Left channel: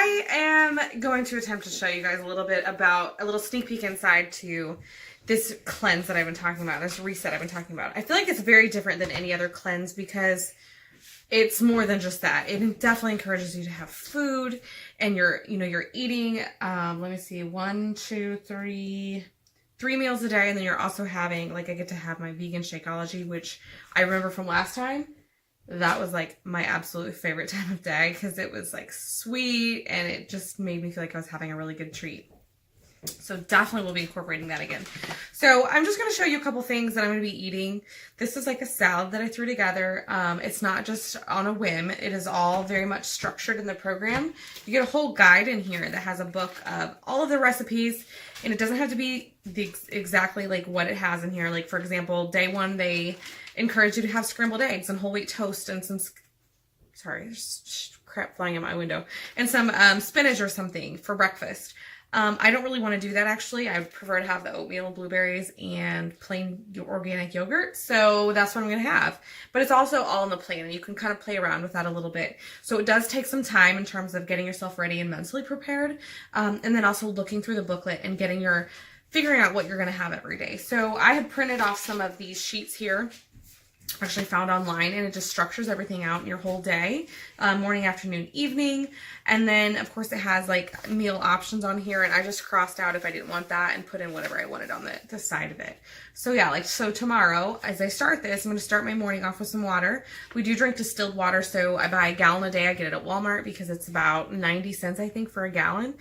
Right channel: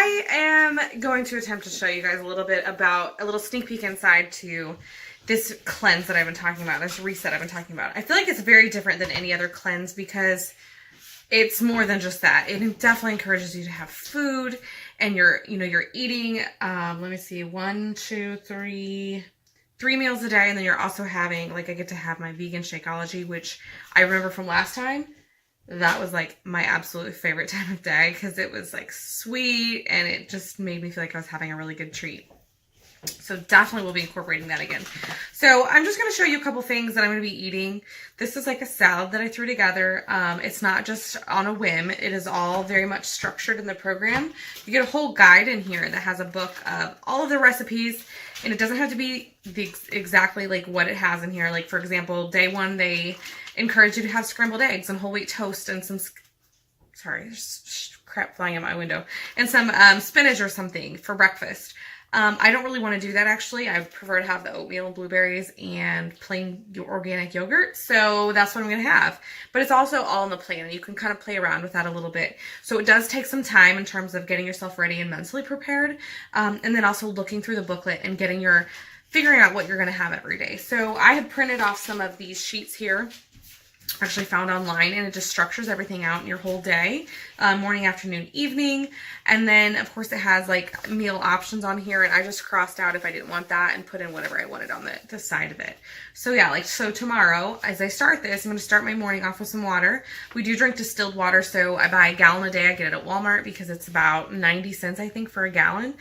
I am going to attempt to show you guys a little bit about a little sneak peek inside to this cleanse that I've been talking about, this reset I've been talking about. I feel like it's very different than any other cleanse because it's more than just that. It definitely encourages you to have food and you're eating, let me see, 1, 2, 3 meals a day. And then you're also having, like, I get to have my vegan Shakeology, which I remember from last time. That was like my absolute favorite time of day because it was like sweet and it just made me feel like I was having a really good treat. So definitely we'll be incorporating that again. So I'm just going to show you a couple things that I'm going to be eating. This is like a salad that I threw together. It's not just on a whim. It is all very much structured in the program. You get a whole guide in here that has a book of all of the recipes, and it doesn't have to be exactly like what it has in here. Like, for example, day 1, they encourage you to have scrambled eggs and whole wheat toast and some, sorry, there's crap flying out my window, and some spinach or something for breakfast. I don't really want to do that actually. I prefer to have the oatmeal and blueberries and plain organic yogurt. So that's what I'm going to have. But it's also all in the plan and you can kind of play around with that a little bit. So it does take some time in terms of getting yourself ready and mentally prepared. And then also looking through the booklet and figuring out what you're going to have every day. So I had printed off some of these sheets here. Actually found online, and it just structures everything out in your whole day, morning, afternoon, evening. And then of course it has like meal options on here, and I just crossed out if I didn't want that and put in whatever I wanted on the side of it. So yeah, so tomorrow as I start this, I'm going to start my morning off with some water. We do drink distilled water, so I buy a gallon a day. I get it at Walmart because it's about 90 cents I think for a gallon.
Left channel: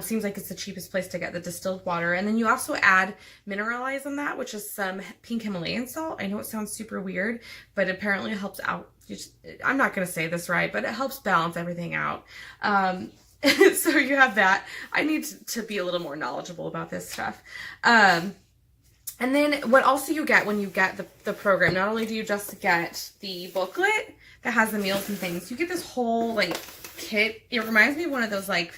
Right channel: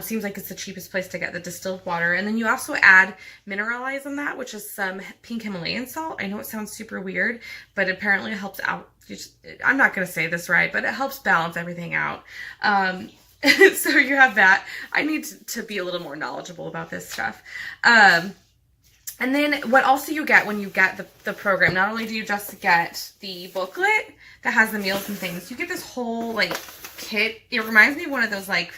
Seems like it's the cheapest place to get the distilled water. And then you also add Mineralize on that, which is some pink Himalayan salt. I know it sounds super weird, but apparently it helps out. I'm not going to say this right, but it helps balance everything out. So you have that. I need to be a little more knowledgeable about this stuff. And then what also you get when you get the program, not only do you just get the booklet that has the meals and things, you get this whole like kit. It reminds me of one of those like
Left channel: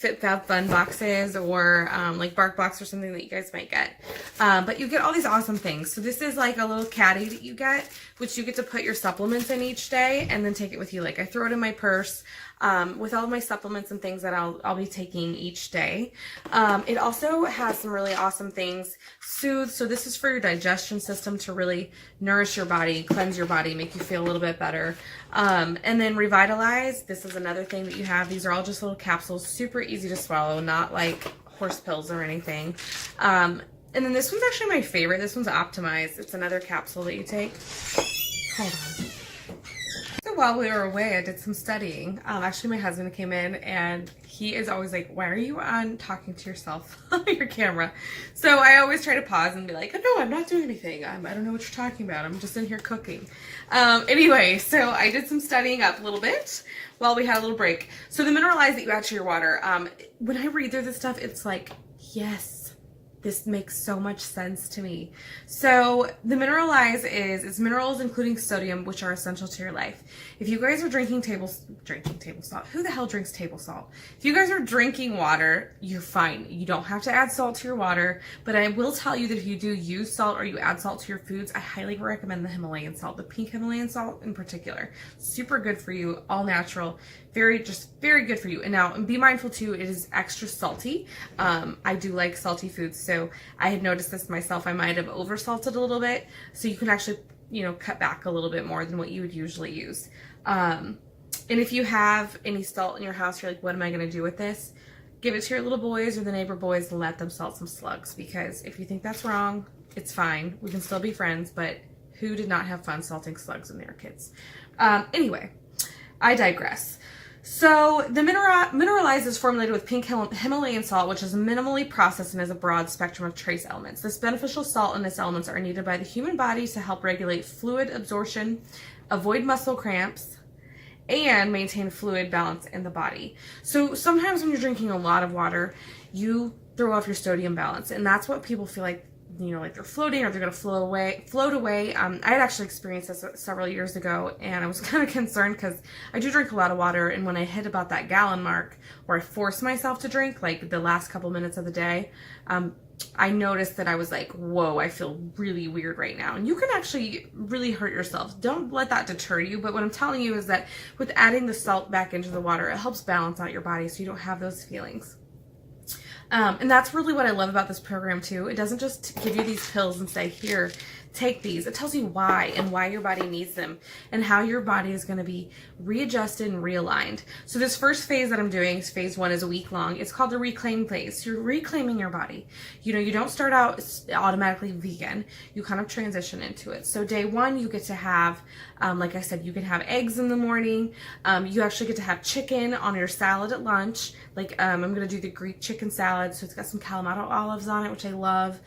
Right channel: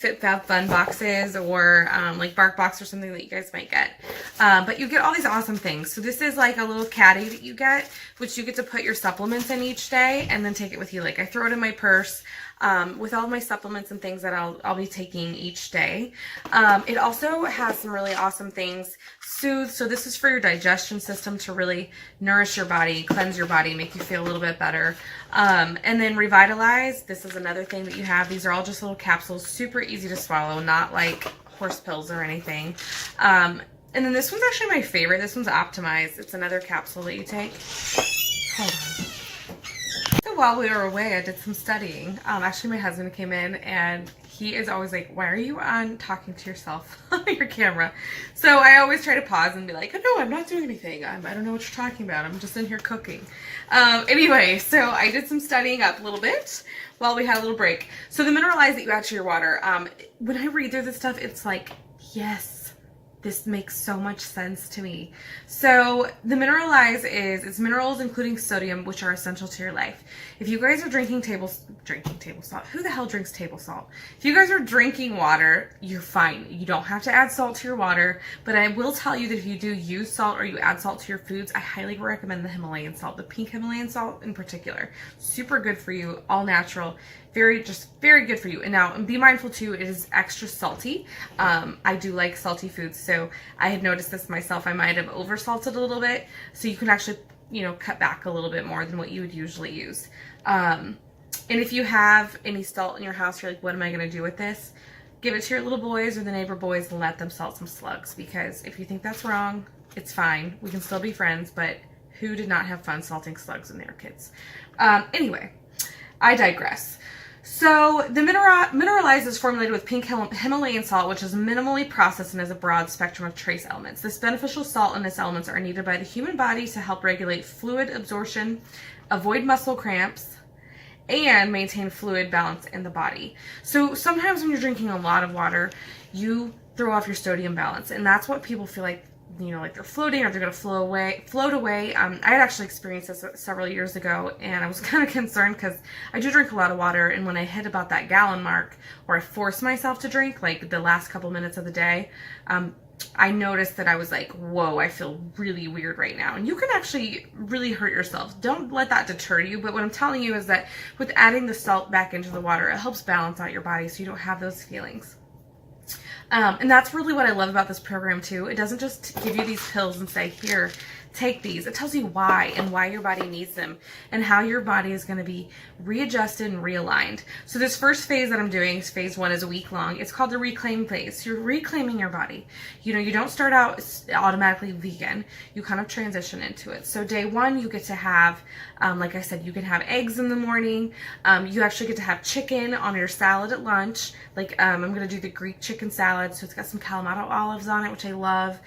FitFab Fun boxes or like Bark Box or something that you guys might get. But you get all these awesome things. So this is like a little caddy that you get, which you get to put your supplements in each day and then take it with you. Like I throw it in my purse with all of my supplements and things that I'll be taking each day. It also has some really awesome things. Soothe. So this is for your digestion system to really nourish your body, cleanse your body, make you feel a little bit better. And then Revitalize. This is another thing that you have. These are all just little capsules, super easy to swallow, not like horse pills or anything. And then this one's actually my favorite. This one's Optimize. It's another capsule that you take. Hold on. So while we were away, I did some studying. Actually, my husband came in and he is always like, why are you on talking to yourself on your camera? So I always try to pause and be like, oh, no, I'm not doing anything. I don't know what you're talking about. I'm just in here cooking. Anyway, so I did some studying up a little bit while we had a little break. So the Mineralize that you add to your water, when I read through this stuff, it's like, yes. This makes so much sense to me. So the Mineralize it's minerals including sodium, which are essential to your life. If you guys are drinking table salt, who the hell drinks table salt? If you guys are drinking water, you're fine. You don't have to add salt to your water, but I will tell you that if you do use salt or you add salt to your foods, I highly recommend the Himalayan salt, the pink Himalayan salt in particular. Super good for you, all natural. Very good for you. And now be mindful too, it is extra salty. I do like salty foods, so I had noticed this myself. I might have oversalted a little bit, so you can actually, cut back a little bit more than what you would usually use. And if you have any salt in your house, you're like, what am I going to do with this? Give it to your little boys or the neighbor boys and let them salt some slugs, because if you think that's wrong, it's fine. We can still be friends, but who did not have fun salting slugs when they were kids? Anyway, I digress. So the Mineralize is formulated with pink Himalayan salt, which is minimally processed and has a broad spectrum of trace elements. This beneficial salt and its elements are needed by the human body to help regulate fluid absorption, avoid muscle cramps, and maintain fluid balance in the body. So sometimes when you're drinking a lot of water, you throw off your sodium balance, and that's what people feel like, like they're floating or they're going to float away. I had actually experienced this several years ago, and I was kind of concerned because I do drink a lot of water, and when I hit about that gallon mark, or I force myself to drink like the last couple minutes of the day, I noticed that I was like, whoa, I feel really weird right now. And you can actually really hurt yourself. Don't let that deter you. But what I'm telling you is that with adding the salt back into the water, it helps balance out your body so you don't have those feelings. And that's really what I love about this program too. It doesn't just give you these pills and say, here, take these. It tells you why and why your body needs them and how your body is going to be readjusted and realigned. So this first phase that I'm doing, phase 1, is a week long. It's called the reclaim phase. You're reclaiming your body. You know, you don't start out automatically vegan. You kind of transition into it. So day 1, you get to have, like I said, you can have eggs in the morning. You actually get to have chicken on your salad at lunch. Like, I'm going to do the Greek chicken salad. So it's got some Kalamata olives on it, which I love.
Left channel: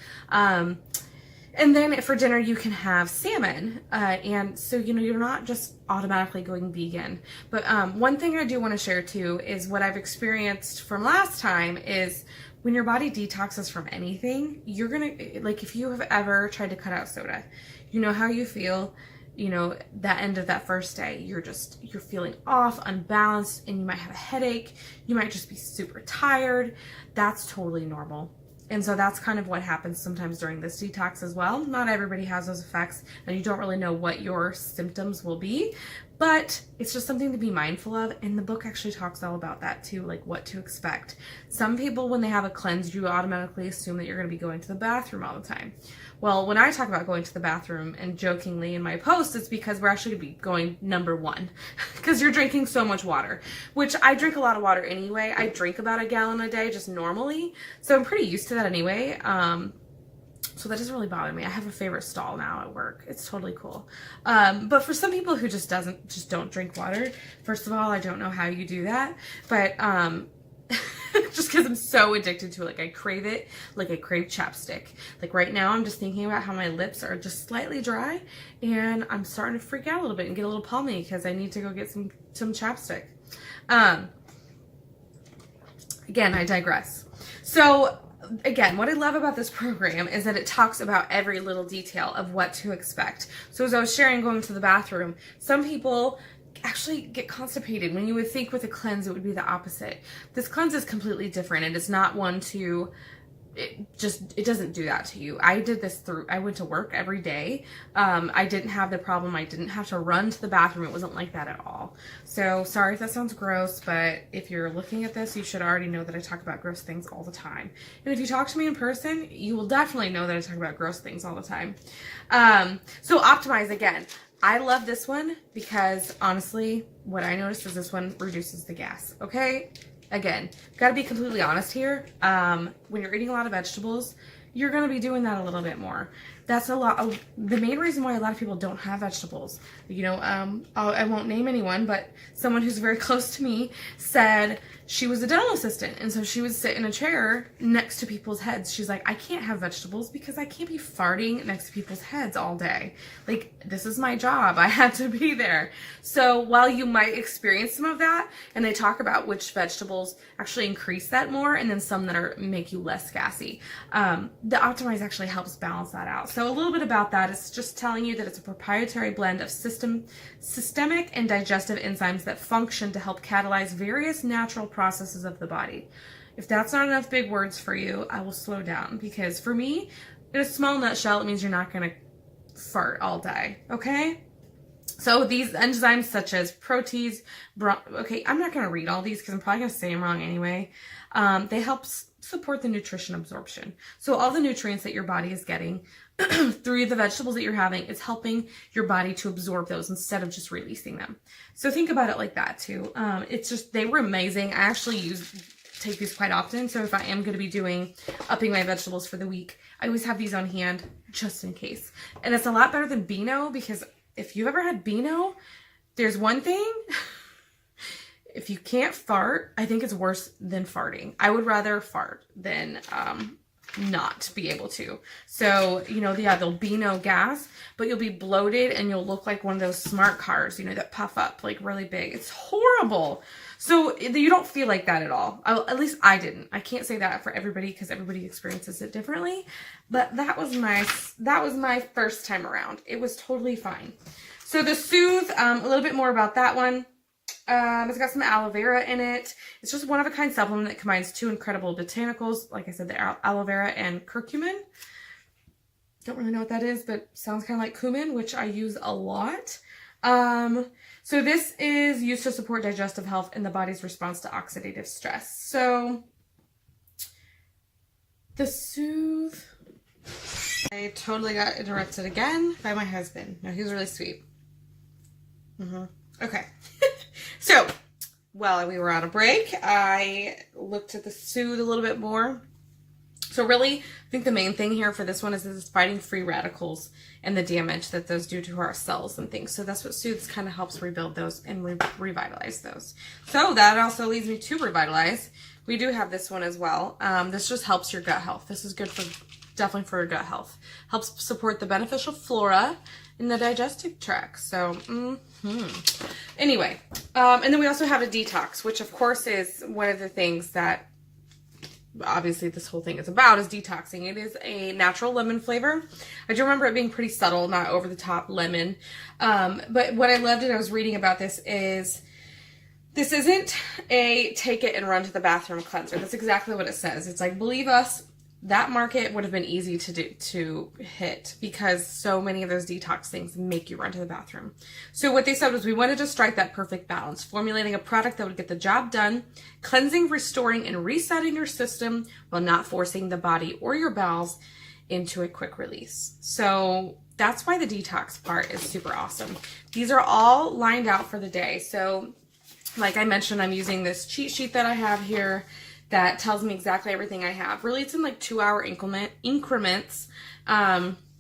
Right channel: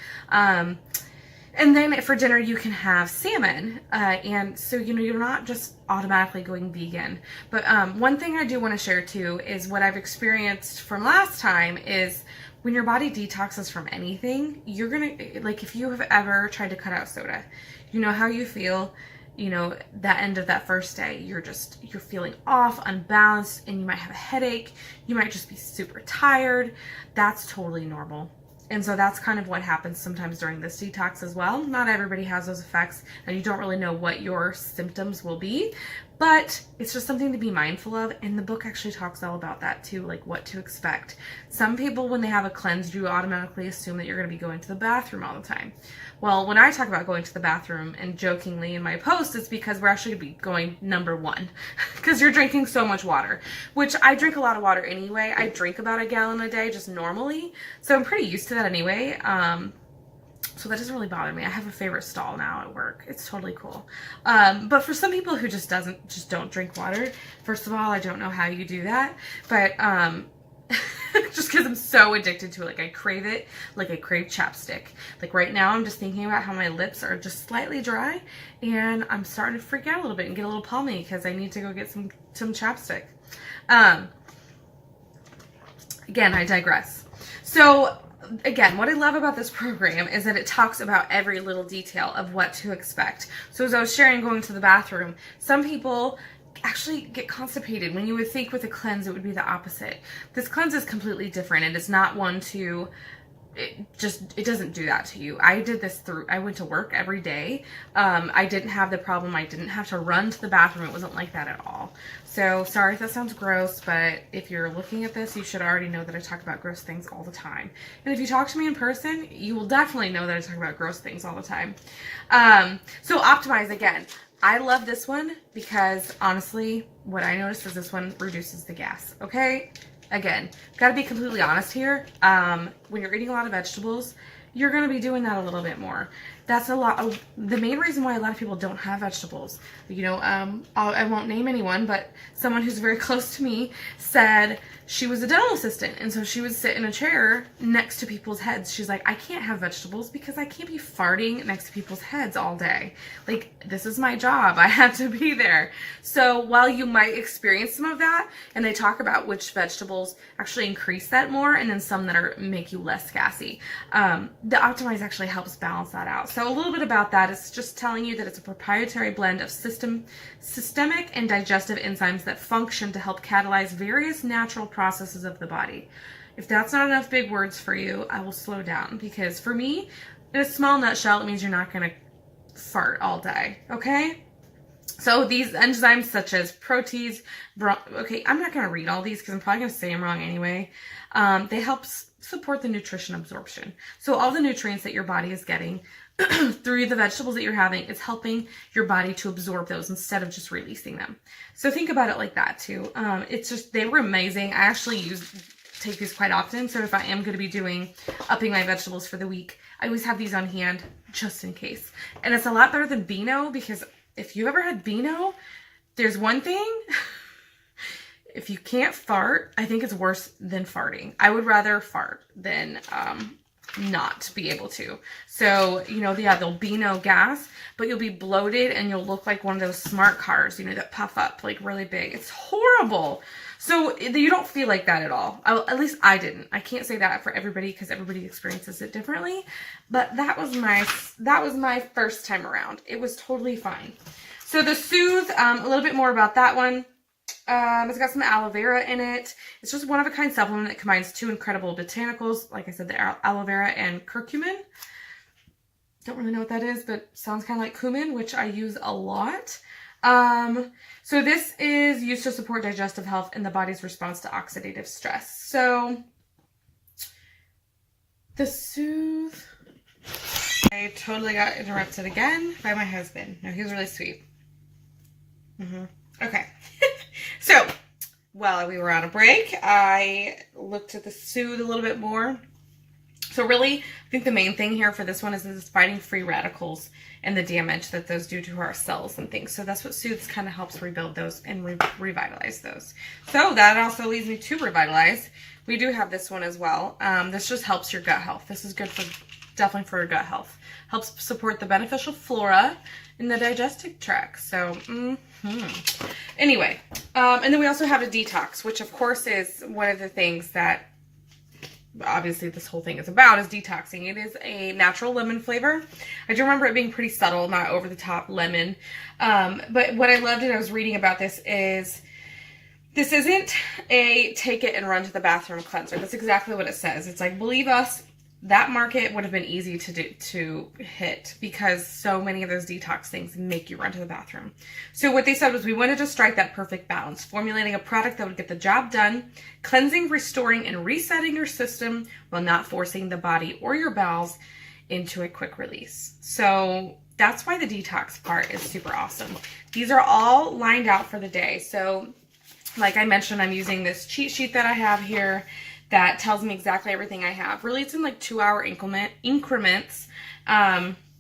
And then for dinner, you can have salmon. And so, you know, you're not just automatically going vegan. But one thing I do want to share too is what I've experienced from last time is when your body detoxes from anything, you're going to, like if you have ever tried to cut out soda, you know how you feel, you know, that end of that first day, you're feeling off, unbalanced, and you might have a headache. You might just be super tired. That's totally normal. And so that's kind of what happens sometimes during this detox as well. Not everybody has those effects, and you don't really know what your symptoms will be, but it's just something to be mindful of. And the book actually talks all about that too, like what to expect. Some people, when they have a cleanse, you automatically assume that you're going to be going to the bathroom all the time. Well, when I talk about going to the bathroom and jokingly in my post, it's because we're actually going to be going number 1 because you're drinking so much water, which I drink a lot of water anyway. I drink about 1 gallon a day just normally. So I'm pretty used to that anyway. So that doesn't really bother me. I have a favorite stall now at work. It's totally cool. But for some people who just don't drink water, first of all, I don't know how you do that, but, just because I'm so addicted to it. Like I crave it, like I crave chapstick. Like right now I'm just thinking about how my lips are just slightly dry and I'm starting to freak out a little bit and get a little palmy because I need to go get some chapstick. Again, I digress. So again, what I love about this program is that it talks about every little detail of what to expect. So as I was sharing going to the bathroom, some people actually get constipated when you would think with a cleanse it would be the opposite. This cleanse is completely different, and it's not one to it doesn't do that to you. I did this I went to work every day. I didn't have the problem. I didn't have to run to the bathroom. It wasn't like that at all. So sorry if that sounds gross, but if you're looking at this, you should already know that I talk about gross things all the time. And if you talk to me in person, you will definitely know that I talk about gross things all the time. So Optimize, again, I love this one because honestly, what I noticed is this one reduces the gas, okay? Again, got to be completely honest here. When you're eating a lot of vegetables, you're going to be doing that a little bit more. That's a lot of the main reason why a lot of people don't have vegetables. You know, I won't name anyone, but someone who's very close to me said she was a dental assistant, and so she would sit in a chair next to people's heads. She's like, I can't have vegetables because I can't be farting next to people's heads all day. Like, this is my job. I have to be there. So while you might experience some of that, and they talk about which vegetables actually increase that more, and then some that make you less gassy, the Optimize actually helps balance that out. So a little bit about that is just telling you that it's a proprietary blend of systemic and digestive enzymes that function to help catalyze various natural processes of the body. If that's not enough big words for you, I will slow down, because for me, in a small nutshell, it means you're not going to fart all day, okay? So these enzymes such as protease, okay, I'm not going to read all these because I'm probably going to say them wrong anyway. They help support the nutrition absorption. So all the nutrients that your body is getting through the vegetables that you're having, it's helping your body to absorb those instead of just releasing them. So think about it like that too. It's just, they were amazing. I actually take these quite often. So if I am going to be upping my vegetables for the week, I always have these on hand just in case. And it's a lot better than Beano, because if you ever had Beano, there's one thing. If you can't fart, I think it's worse than farting. I would rather fart than not be able to. So, you know, yeah, there'll be no gas, but you'll be bloated and you'll look like one of those smart cars, you know, that puff up like really big. It's horrible. So you don't feel like that at all. At least I didn't. I can't say that for everybody because everybody experiences it differently, but that was my first time around. It was totally fine. So the Soothe, a little bit more about that one. It's got some aloe vera in it. It's just one of a kind supplement that combines two incredible botanicals. Like I said, the aloe vera and curcumin. Don't really know what that is, but sounds kind of like cumin, which I use a lot. So this is used to support digestive health and the body's response to oxidative stress. So the Soothe. I totally got interrupted again by my husband. No, he was really sweet. Okay. So, while we were on a break, I looked at the Soothe a little bit more. So really, I think the main thing here for this one is it's fighting free radicals and the damage that those do to our cells and things. So that's what Soothes kind of helps rebuild those and revitalize those. So that also leads me to Revitalize. We do have this one as well. This just helps your gut health. This is good for, definitely for gut health. Helps support the beneficial flora in the digestive tract. So, anyway, and then we also have a detox, which of course is one of the things that obviously this whole thing is about, is detoxing. It is a natural lemon flavor. I do remember it being pretty subtle, not over the top lemon. But what I loved, and I was reading about this, is this isn't a take it and run to the bathroom cleanser. That's exactly what it says. It's like, believe us, that market would have been easy to hit because so many of those detox things make you run to the bathroom. So what they said was, we wanted to strike that perfect balance, formulating a product that would get the job done, cleansing, restoring, and resetting your system while not forcing the body or your bowels into a quick release. So that's why the detox part is super awesome. These are all lined out for the day. So like I mentioned, I'm using this cheat sheet that I have here that tells me exactly everything I have. Really, it's in like 2-hour increments.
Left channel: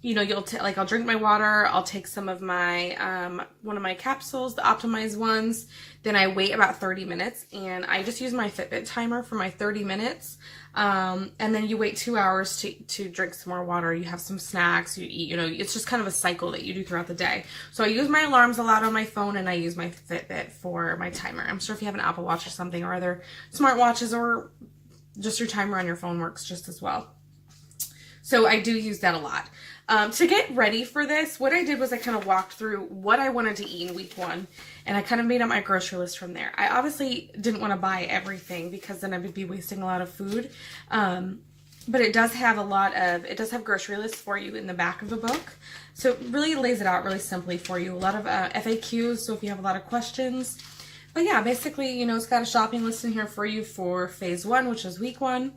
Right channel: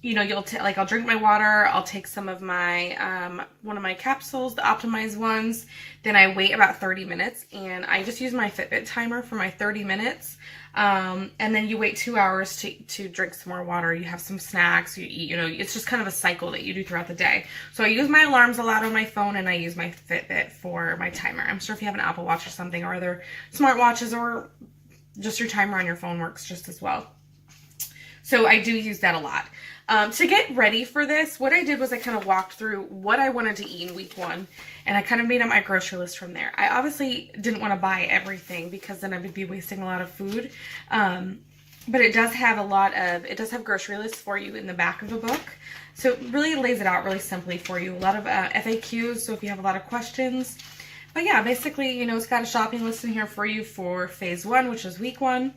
You know, I'll drink my water, I'll take some of my, one of my capsules, the optimized ones, then I wait about 30 minutes, and I just use my Fitbit timer for my 30 minutes, and then you wait 2 hours to drink some more water, you have some snacks, you eat, you know, it's just kind of a cycle that you do throughout the day. So I use my alarms a lot on my phone, and I use my Fitbit for my timer. I'm sure if you have an Apple Watch or something, or other smartwatches, or just your timer on your phone works just as well. So I do use that a lot. To get ready for this, what I did was I kind of walked through what I wanted to eat in week 1, and I kind of made up my grocery list from there. I obviously didn't want to buy everything because then I would be wasting a lot of food. But it does have it does have grocery lists for you in the back of the book. So it really lays it out really simply for you. A lot of FAQs, so if you have a lot of questions. But yeah, basically, you know, it's got a shopping list in here for you for phase 1, which is week 1,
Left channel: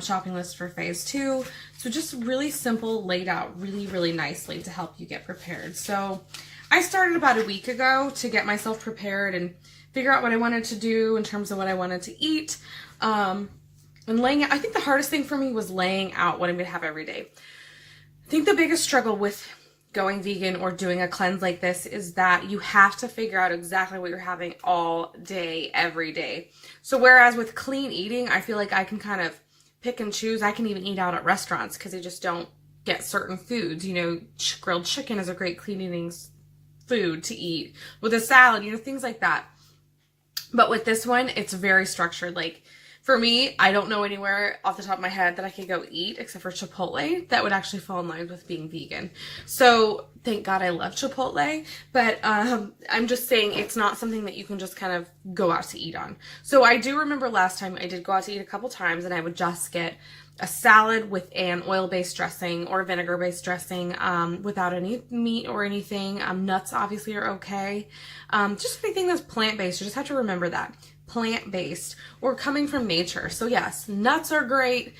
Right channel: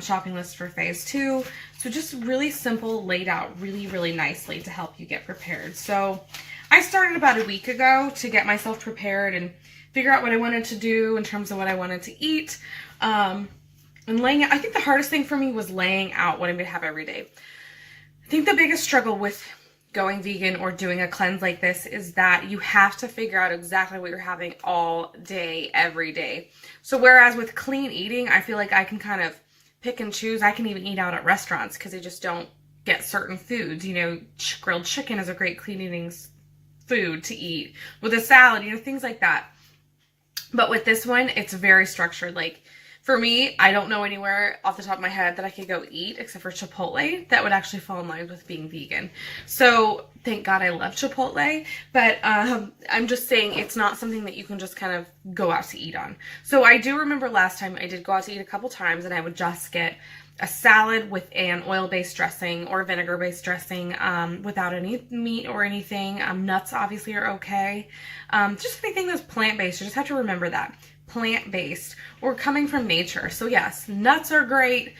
shopping list for phase 2. So just really simple, laid out really, really nicely to help you get prepared. So I started about a week ago to get myself prepared and figure out what I wanted to do in terms of what I wanted to eat. And laying out, I think the hardest thing for me was laying out what I'm going to have every day. I think the biggest struggle with going vegan or doing a cleanse like this is that you have to figure out exactly what you're having all day, every day. So whereas with clean eating, I feel like I can kind of pick and choose. I can even eat out at restaurants because they just don't get certain foods. You know, grilled chicken is a great clean eating food to eat with a salad, you know, things like that. But with this one, it's very structured. Like, for me, I don't know anywhere off the top of my head that I could go eat except for Chipotle that would actually fall in line with being vegan. So thank God I love Chipotle, but I'm just saying it's not something that you can just kind of go out to eat on. So I do remember last time I did go out to eat a couple times, and I would just get a salad with an oil-based dressing or vinegar-based dressing without any meat or anything. Nuts obviously are okay. Just anything that's plant-based, you just have to remember that. Plant-based or coming from nature. So yes, nuts are great.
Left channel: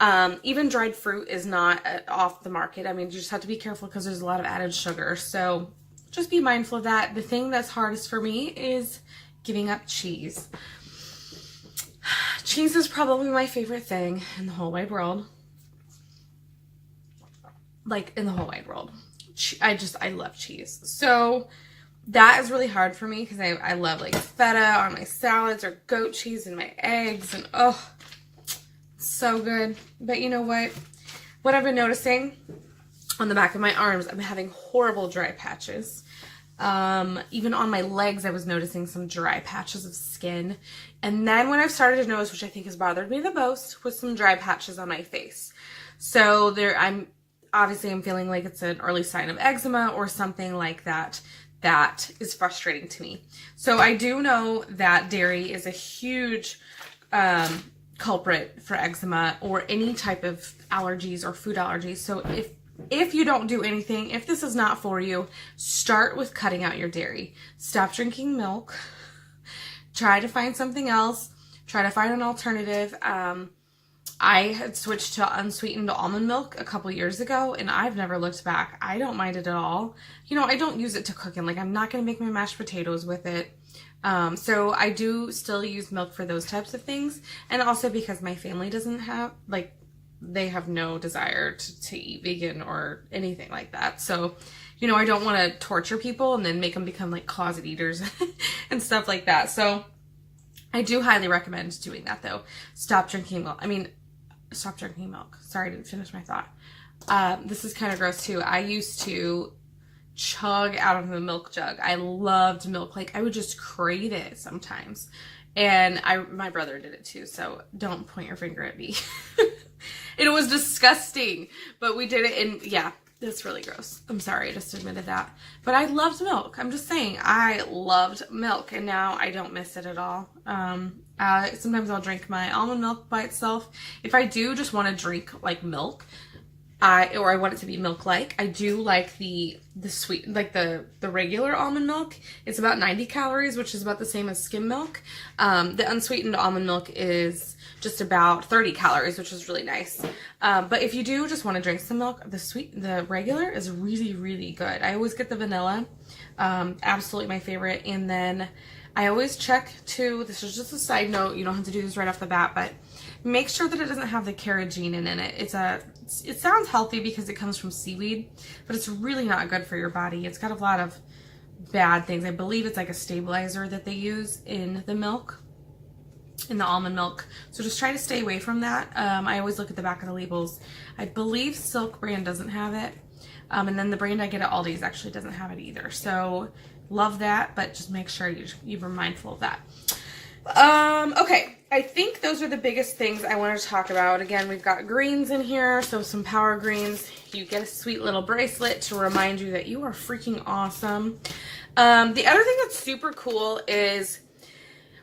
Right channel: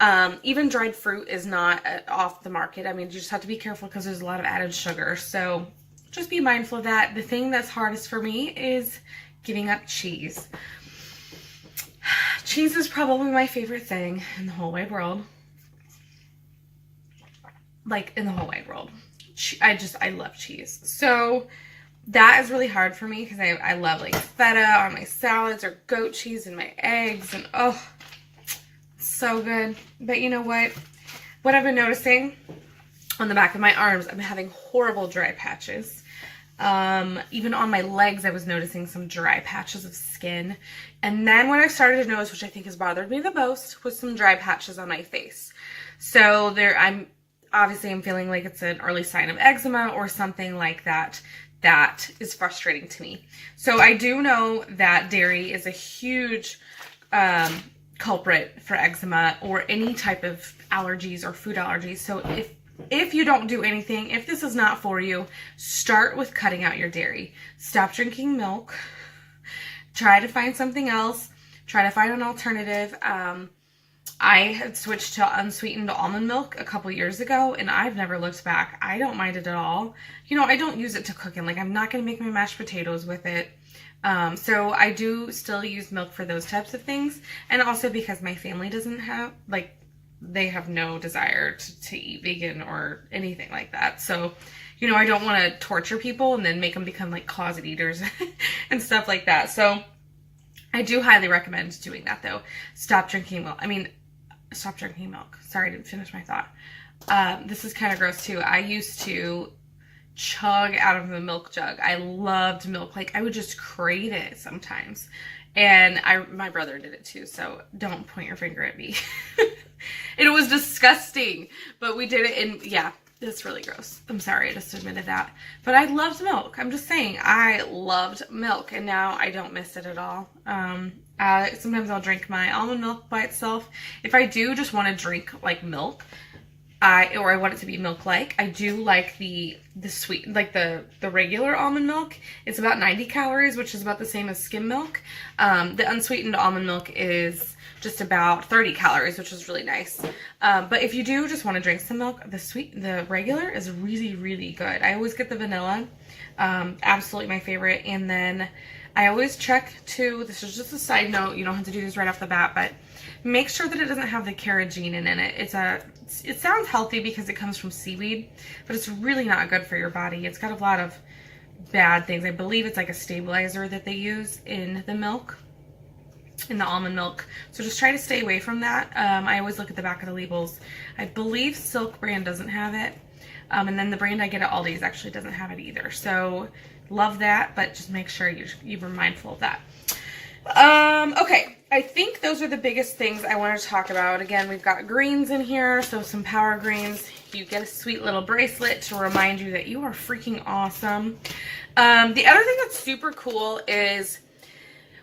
Even dried fruit is not off the market. I mean, you just have to be careful because there's a lot of added sugar. So just be mindful of that. The thing that's hardest for me is giving up cheese. Cheese is probably my favorite thing in the whole wide world. Like, in the whole wide world. I love cheese. So that is really hard for me because I love like feta on my salads or goat cheese in my eggs, and oh, so good. But you know what? What I've been noticing on the back of my arms, I'm having horrible dry patches. Even on my legs, I was noticing some dry patches of skin. And then what I've started to notice, which I think has bothered me the most, was some dry patches on my face. So I'm feeling like it's an early sign of eczema or something like that that is frustrating to me. So I do know that dairy is a huge culprit for eczema or any type of allergies or food allergies. So if you don't do anything, if this is not for you, start with cutting out your dairy. Stop drinking milk. Try to find something else. Try to find an alternative. I had switched to unsweetened almond milk a couple years ago, and I've never looked back. I don't mind it at all. You know, I don't use it to cook in. Like, I'm not going to make my mashed potatoes with it. So I do still use milk for those types of things. And also because my family doesn't have, like, they have no desire to eat vegan or anything like that. So, you know, I don't want to torture people and then make them become, like, closet eaters and stuff like that. So I do highly recommend doing that, though. Stop drinking milk. Stop drinking milk. Sorry, I didn't finish my thought. This is kind of gross too. I used to chug out of the milk jug. I loved milk. Like, I would just crave it sometimes. And my brother did it too, so don't point your finger at me. It was disgusting, but we did it, and yeah, it's really gross. I'm sorry, I just admitted that. But I loved milk. I'm just saying, I loved milk, and now I don't miss it at all. Sometimes I'll drink my almond milk by itself. If I do just want to drink like milk, or I want it to be milk-like, I do like the sweet, like the regular almond milk. It's about 90 calories, which is about the same as skim milk. The unsweetened almond milk is just about 30 calories, which is really nice. But if you do just want to drink some milk, the regular is really, really good. I always get the vanilla, absolutely my favorite. And then I always check too, this is just a side note, you don't have to do this right off the bat, but make sure that it doesn't have the carrageenan in it. It sounds healthy because it comes from seaweed, but it's really not good for your body. It's got a lot of bad things. I believe it's like a stabilizer that they use in the milk, in the almond milk. So just try to stay away from that. I always look at the back of the labels. I believe Silk brand doesn't have it. And then the brand I get at Aldi's actually doesn't have it either. So love that, but just make sure you were mindful of that. Okay, I think those are the biggest things I want to talk about. Again, we've got greens in here, so some power greens. You get a sweet little bracelet to remind you that you are freaking awesome. The other thing that's super cool is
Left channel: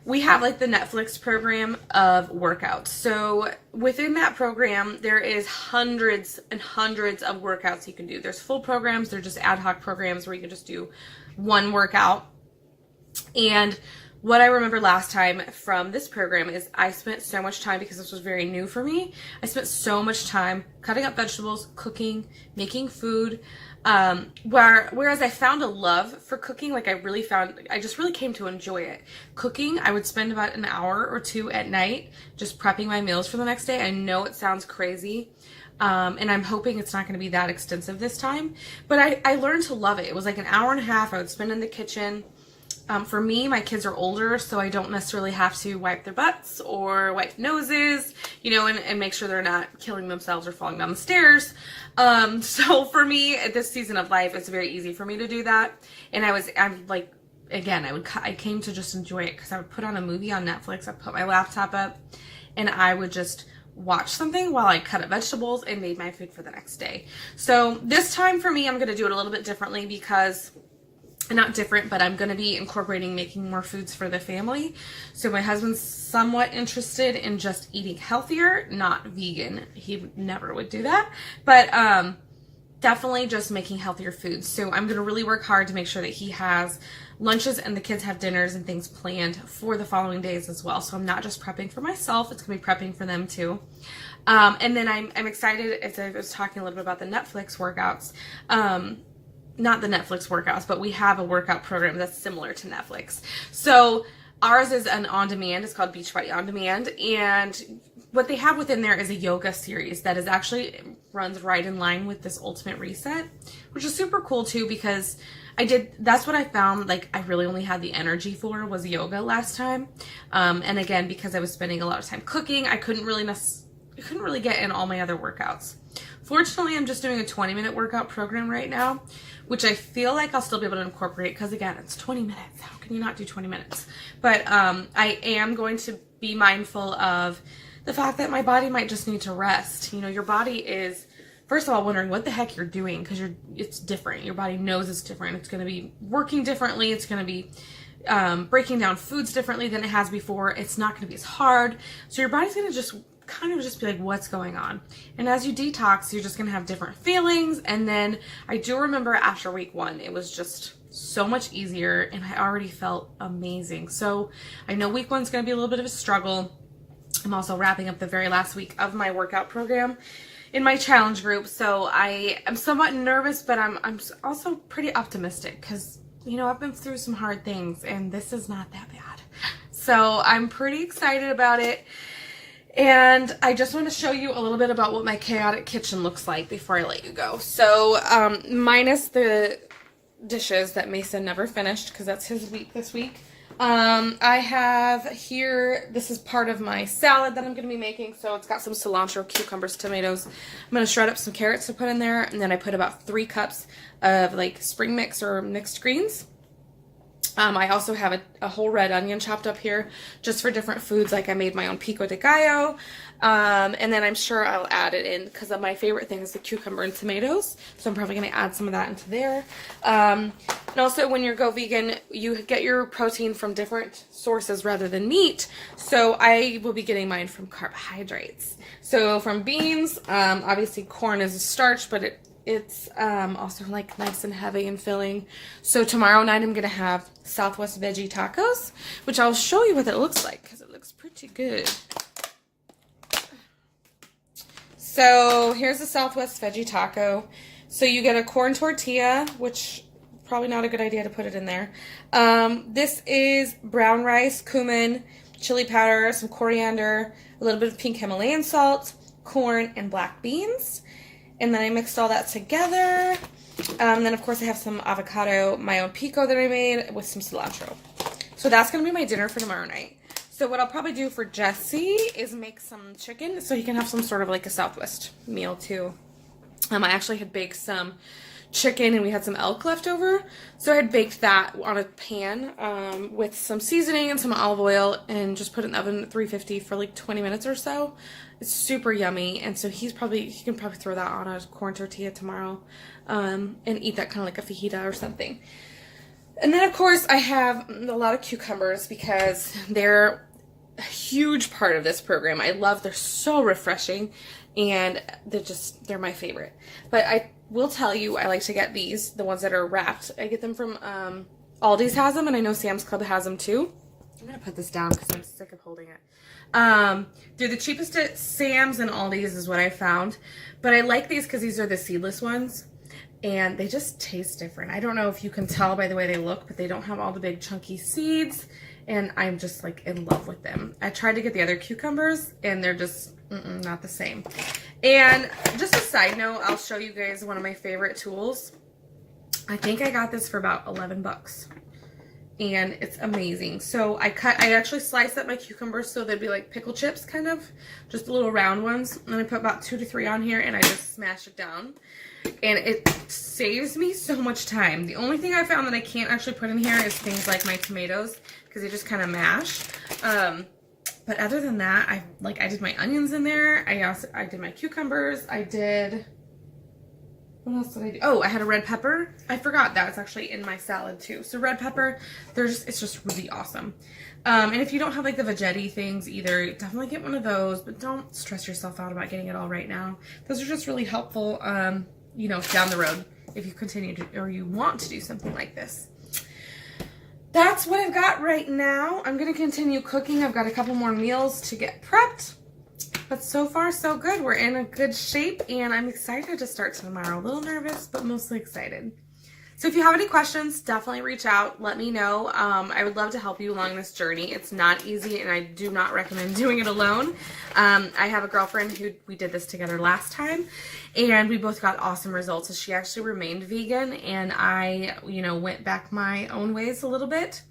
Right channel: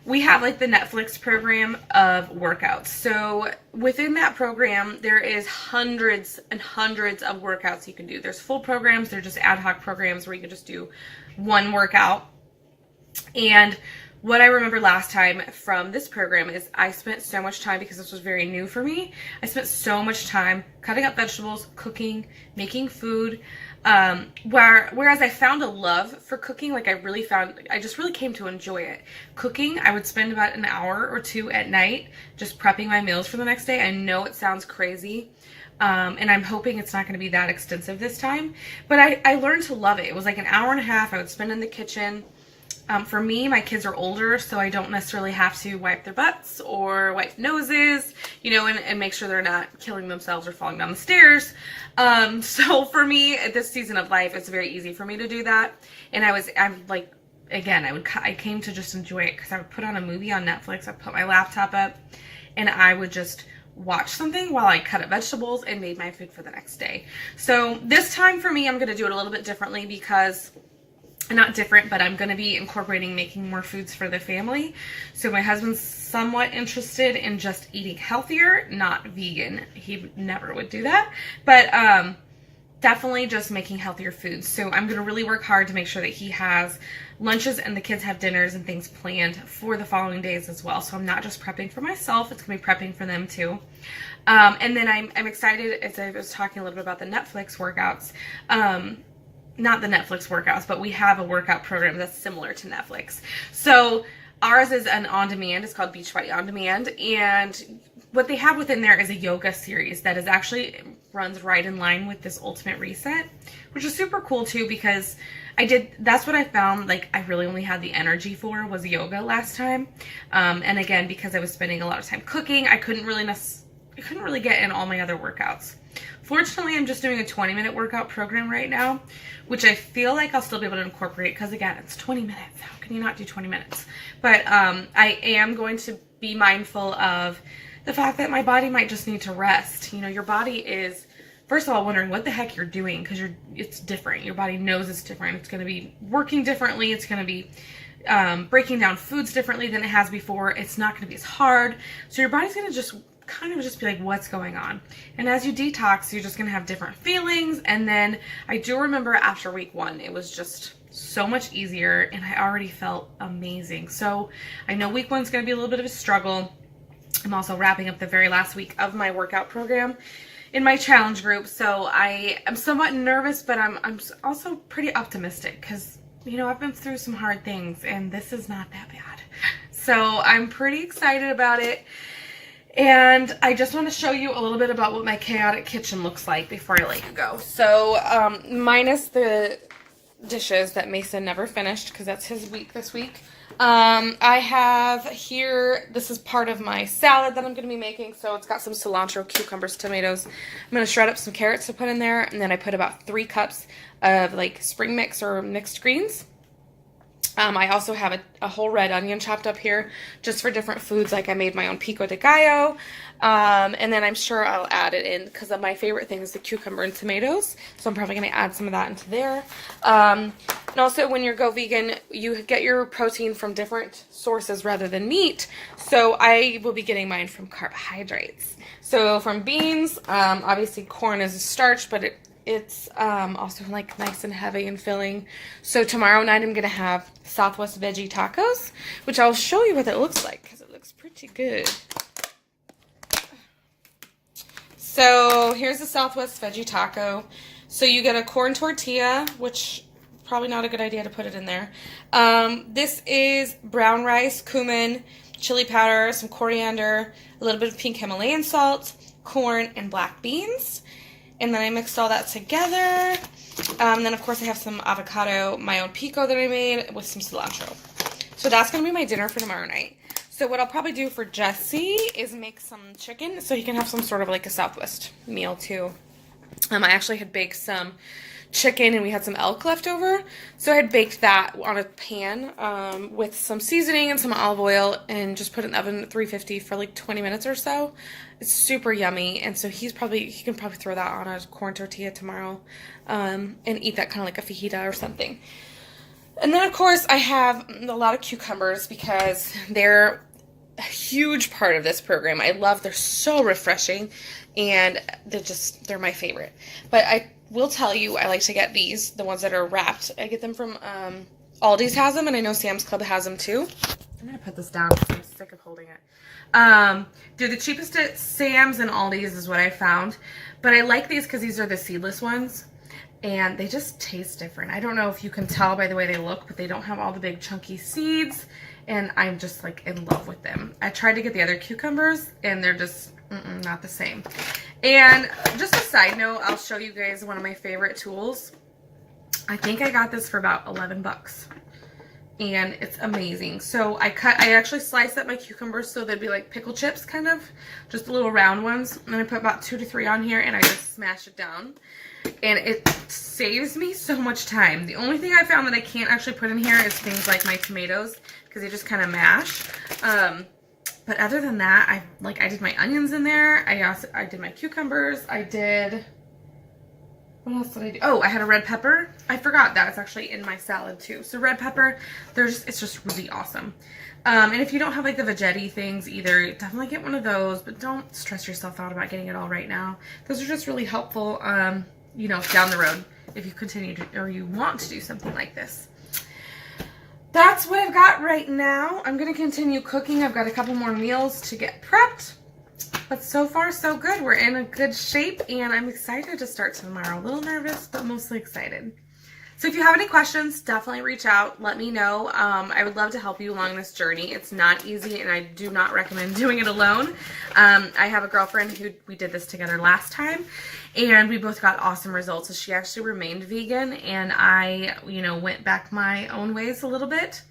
we have like the Netflix program of workouts. So within that program, there is hundreds and hundreds of workouts you can do. There's full programs, they're just ad hoc programs where you can just do one workout. And what I remember last time from this program is I spent so much time, because this was very new for me, I spent so much time cutting up vegetables, cooking, making food, whereas I found a love for cooking. Like I just really came to enjoy it. Cooking, I would spend about an hour or two at night just prepping my meals for the next day. I know it sounds crazy. And I'm hoping it's not going to be that extensive this time, but I learned to love it. It was like an hour and a half I would spend in the kitchen. For me, my kids are older, so I don't necessarily have to wipe their butts or wipe noses, you know, and make sure they're not killing themselves or falling down the stairs. So for me, at this season of life, it's very easy for me to do that. And I'm like, again, I came to just enjoy it because I would put on a movie on Netflix. I'd put my laptop up and I would just watch something while I cut up vegetables and made my food for the next day. So this time for me, I'm going to do it a little bit differently because, not different, but I'm going to be incorporating making more foods for the family. So my husband's somewhat interested in just eating healthier, not vegan. He never would do that, but definitely just making healthier foods. So I'm going to really work hard to make sure that he has lunches and the kids have dinners and things planned for the following days as well. So I'm not just prepping for myself, it's going to be prepping for them too. And then I'm excited, as I was talking a little bit about the Netflix workouts, not the Netflix workouts, but we have a workout program that's similar to Netflix. So ours is an on-demand. It's called Beachbody On Demand. And what they have within there is a yoga series that is actually runs right in line with this Ultimate Reset, which is super cool too, because that's what I found, like, I really only had the energy for was yoga last time. And again, because I was spending a lot of time cooking, I couldn't really get in all my other workouts. Fortunately, I'm just doing a 20-minute workout program right now, which I feel like I'll still be able to incorporate because, again, it's 20 minutes. How can you not do 20 minutes? But I am going to be mindful of the fact that my body might just need to rest. You know, your body is first of all wondering what the heck you're doing, because it's different. Your body knows it's different. It's going to be working differently. It's going to be breaking down foods differently than it has before. It's not going to be as hard. So your body's going to just kind of just be like, what's going on? And as you detox, you're just going to have different feelings. And then I do remember after week 1, it was just so much easier and I already felt amazing. So I know week 1's going to be a little bit of a struggle. I'm also wrapping up the very last week of my workout program in my challenge group. So I am somewhat nervous, but I'm also pretty optimistic because, you know, I've been through some hard things and this is not that bad. So I'm pretty excited about it. And I just want to show you a little bit about what my chaotic kitchen looks like before I let you go. So minus the dishes that Mason never finished because that's his week this week. I have here, this is part of my salad that I'm going to be making. So it's got some cilantro, cucumbers, tomatoes. I'm going to shred up some carrots to put in there. And then I put about 3 cups of like spring mix or mixed greens. I also have a whole red onion chopped up here just for different foods. Like I made my own pico de gallo. And then I'm sure I'll add it in because my favorite thing is the cucumber and tomatoes. So I'm probably going to add some of that into there. And also when you go vegan, you get your protein from different sources rather than meat. So I will be getting mine from carbohydrates. So from beans, obviously corn is a starch, but it's also like nice and heavy and filling. So tomorrow night I'm going to have Southwest veggie tacos, which I'll show you what it looks like because it looks pretty good. So here's the Southwest veggie taco. So you get a corn tortilla, which probably not a good idea to put it in there. This is brown rice, cumin, chili powder, some coriander, a little bit of pink Himalayan salt, corn, and black beans. And then I mixed all that together. Then, of course, I have some avocado, my own pico that I made with some cilantro. So that's going to be my dinner for tomorrow night. So what I'll probably do for Jesse is make some chicken so he can have some sort of like a Southwest meal too. I actually had baked some chicken and we had some elk left over. So I had baked that on a pan with some seasoning and some olive oil and just put it in the oven at 350 for like 20 minutes or so. It's super yummy, and so he can probably throw that on a corn tortilla tomorrow and eat that kind of like a fajita or something. And then, of course, I have a lot of cucumbers because they're a huge part of this program. They're so refreshing, and they're my favorite. But I will tell you, I like to get these, the ones that are wrapped. I get them from Aldi's has them, and I know Sam's Club has them too. I'm going to put this down because I'm sick of holding it. They're the cheapest at Sam's and Aldi's is what I found. But I like these because these are the seedless ones. And they just taste different. I don't know if you can tell by the way they look, but they don't have all the big chunky seeds. And I'm just like in love with them. I tried to get the other cucumbers and they're just not the same. And just a side note, I'll show you guys one of my favorite tools. I think I got this for about 11 bucks. And it's amazing. So I actually sliced up my cucumbers so they'd be like pickle chips kind of, just the little round ones. And I put about 2 to 3 on here and I just smash it down. And it saves me so much time. The only thing I found that I can't actually put in here is things like my tomatoes because they just kind of mash. But other than that, I did my onions in there. I did my cucumbers. What else did I do? Oh, I had a red pepper. I forgot that. It's actually in my salad too. So red pepper, it's just really awesome. And if you don't have like the veggetti things either, definitely get one of those, but don't stress yourself out about getting it all right now. Those are just really helpful, you know, down the road if you continue to, or you want to do something like this. That's what I've got right now. I'm going to continue cooking. I've got a couple more meals to get prepped. But so far, so good. We're in a good shape, and I'm excited to start tomorrow. A little nervous, but mostly excited. So if you have any questions, definitely reach out. Let me know. I would love to help you along this journey. It's not easy, and I do not recommend doing it alone. I have a girlfriend who we did this together last time, and we both got awesome results. So she actually remained vegan, and I, went back my own ways a little bit.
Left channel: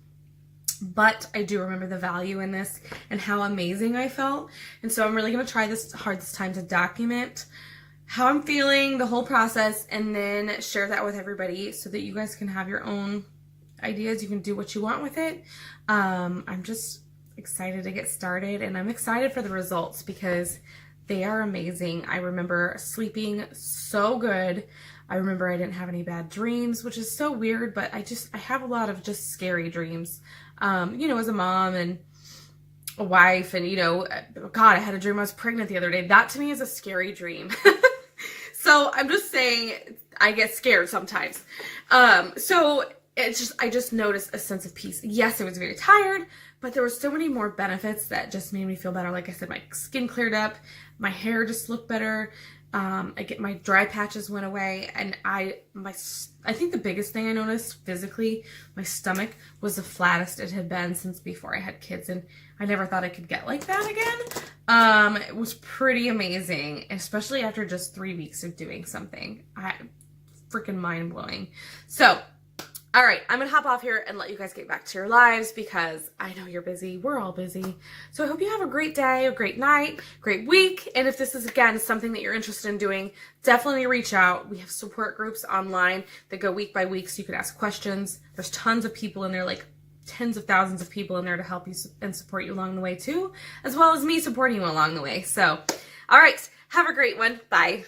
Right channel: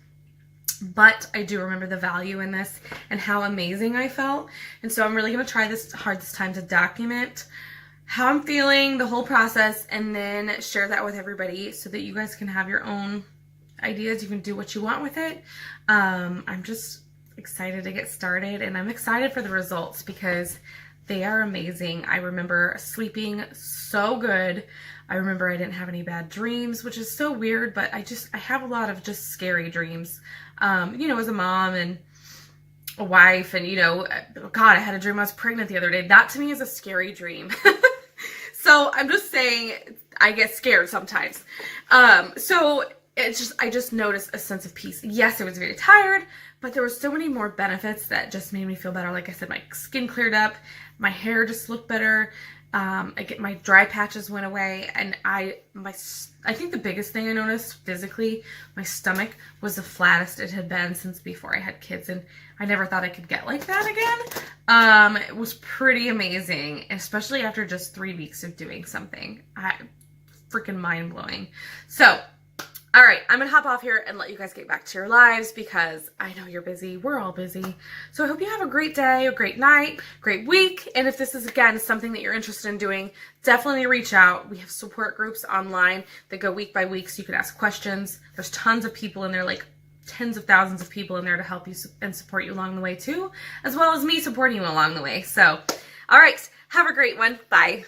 But I do remember the value in this and how amazing I felt. And so I'm really going to try this hard this time to document how I'm feeling, the whole process, and then share that with everybody so that you guys can have your own ideas. You can do what you want with it. I'm just excited to get started, and I'm excited for the results because They are amazing. I remember sleeping so good. I remember I didn't have any bad dreams, which is so weird, but I have a lot of just scary dreams. You know, as a mom and a wife, and, you know, God, I had a dream I was pregnant the other day. That to me is a scary dream. So I'm just saying I get scared sometimes. So I just noticed a sense of peace. Yes, I was very tired, but there were so many more benefits that just made me feel better. Like I said, my skin cleared up, my hair just looked better. My dry patches went away, and I think the biggest thing I noticed physically, my stomach was the flattest it had been since before I had kids, and I never thought I could get like that again. It was pretty amazing, especially after just 3 weeks of doing something. Freaking mind blowing. So, all right, I'm gonna hop off here and let you guys get back to your lives because I know you're busy. We're all busy. So I hope you have a great day, a great night, great week. And if this is, again, something that you're interested in doing, definitely reach out. We have support groups online that go week by week, so you can ask questions. There's tons of people in there, like tens of thousands of people in there to help you and support you along the way too, as well as me supporting you along the way. So, all right, have a great one. Bye.